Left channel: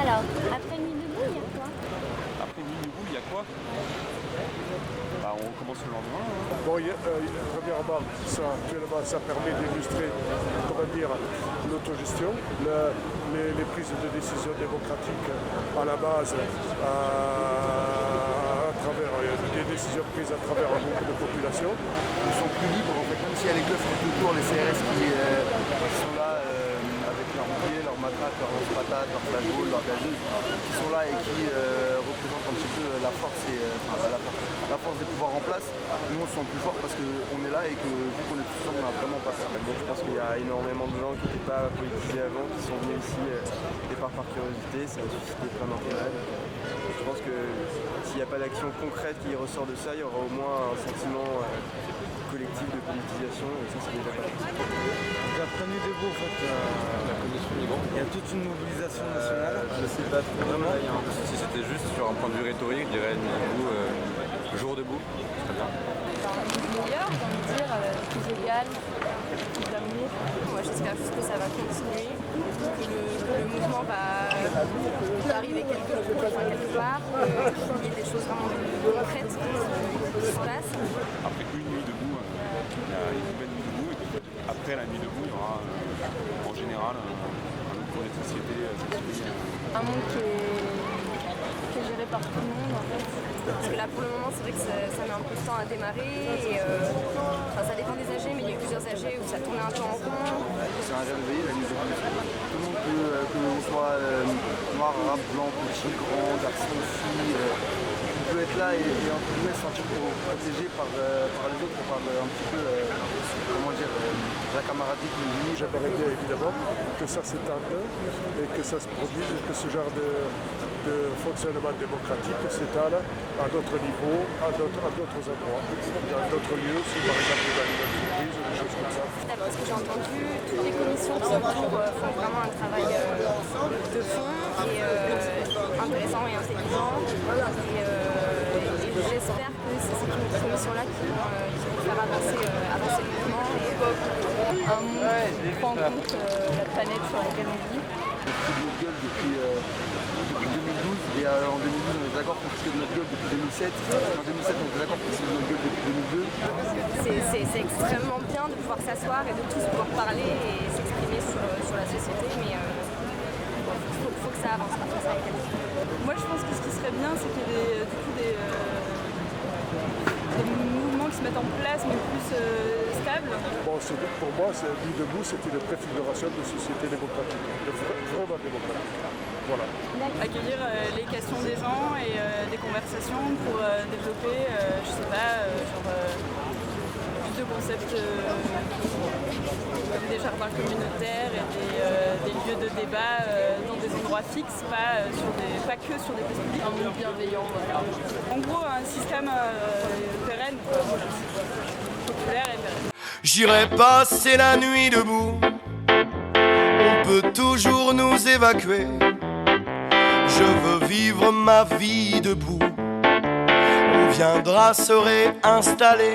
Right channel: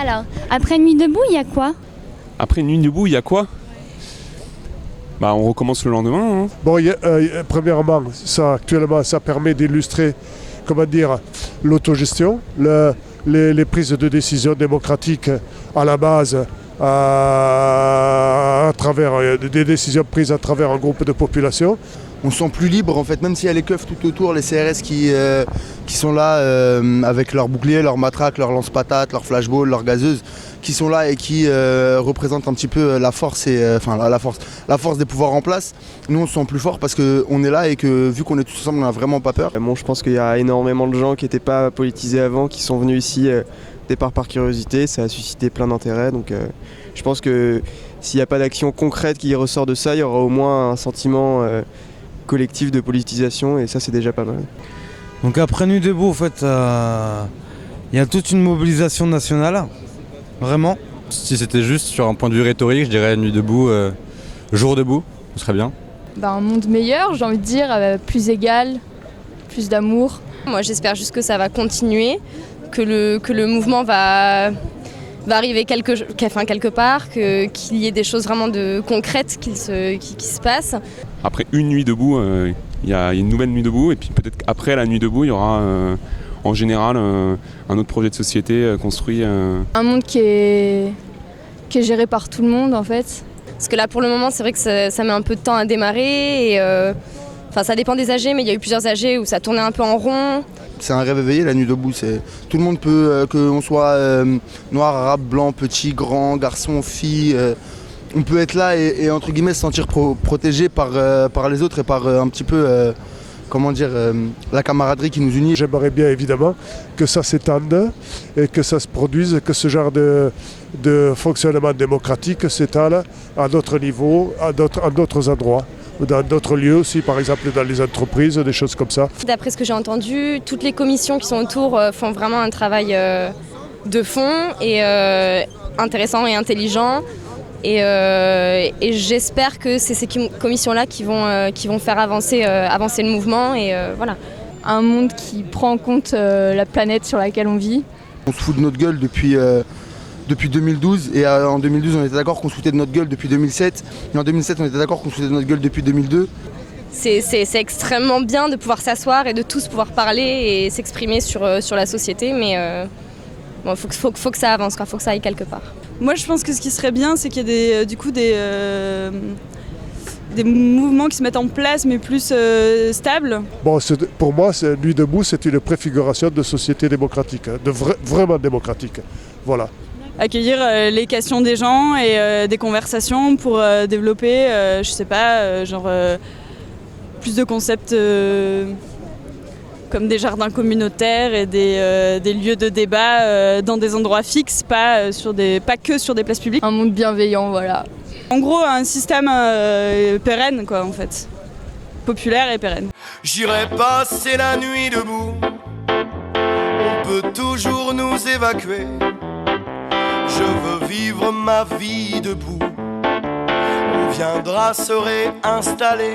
Alors, après Nuit debout, il y a quoi? Après Nuit debout, il y a quoi? Bah, on recommence le lendemain. Hein. Bon, premièrement, ça, actuellement, ça permet d'illustrer, comment dire, l'autogestion, les prises de décision démocratiques à la base, à travers des décisions prises à travers un groupe de population. On se sent plus libre en fait, même s'il y a les keufs tout autour, les CRS qui sont là avec leurs boucliers, leurs matraques, leurs lance-patates, leurs flashballs, leurs gazeuses, qui sont là et qui représentent un petit peu la force la force des pouvoirs en place. Nous on se sent plus fort parce qu'on est là et que vu qu'on est tous ensemble on n'a vraiment pas peur. Bon, je pense qu'il y a énormément de gens qui n'étaient pas politisés avant, qui sont venus ici départ par curiosité, ça a suscité plein d'intérêt, donc je pense que s'il n'y a pas d'action concrète qui ressort de ça, il y aura au moins un sentiment collectif de politisation et ça c'est déjà pas mal. Donc après Nuit debout, en fait, il y a toute une mobilisation nationale, vraiment. Si c'était juste sur un point de vue rhétorique, je dirais Nuit debout, jour debout, ce serait bien. Un monde meilleur, j'ai envie de dire, plus égal, plus d'amour. Moi j'espère juste que ça va continuer, que le mouvement va arriver quelque part, qu'il y ait des choses vraiment concrètes qui se passent. Après une nuit debout, il y a une nouvelle nuit debout et puis peut-être qu'après la nuit debout, il y aura en général un autre projet de société construit. Un monde qui est géré par tout le monde en fait. Parce que là pour le moment c'est vrai que ça met un peu de temps à démarrer et ça dépend des AG, mais il y a eu plusieurs AG où ça tournait un peu en rond. C'est un rêve éveillé la nuit debout, tout le monde peut, qu'on soit noir, arabe, blanc, petit, grand, garçon, fille, on peut être là et entre guillemets se sentir protégé par les autres et par un petit peu la camaraderie qui nous unit. J'aimerais bien évidemment que ça s'étende et que ça se produise, que ce genre de fonctionnement démocratique s'étale à d'autres niveaux, à d'autres endroits. Dans d'autres lieux aussi, par exemple dans les entreprises, des choses comme ça. D'après ce que j'ai entendu, toutes les commissions qui sont autour font vraiment un travail de fond et intéressant et intelligent. Et j'espère que c'est ces commissions-là qui vont faire avancer le mouvement. Et voilà. Un monde qui prend en compte la planète sur laquelle on vit. On se fout de notre gueule depuis 2012 et en 2012 on était d'accord qu'on se foutait de notre gueule depuis 2007 et en 2007 on était d'accord qu'on se foutait de notre gueule depuis 2002. C'est extrêmement bien de pouvoir s'asseoir et de tous pouvoir parler et s'exprimer sur la société, mais faut que ça avance, faut que ça aille quelque part. Moi je pense que ce qui serait bien c'est qu'il y ait des mouvements qui se mettent en place mais plus stables. Bon, pour moi, Nuit debout, c'est une préfiguration de société démocratique, vraiment démocratique. Voilà. Accueillir les questions des gens et des conversations pour développer, plus de concepts comme des jardins communautaires et des lieux de débat dans des endroits fixes, pas que sur des places publiques. Un monde bienveillant, voilà. En gros, un système pérenne, quoi, en fait. Populaire et pérenne. J'irai passer la nuit debout. On peut toujours nous évacuer. Je veux vivre ma vie debout. On viendra se réinstaller.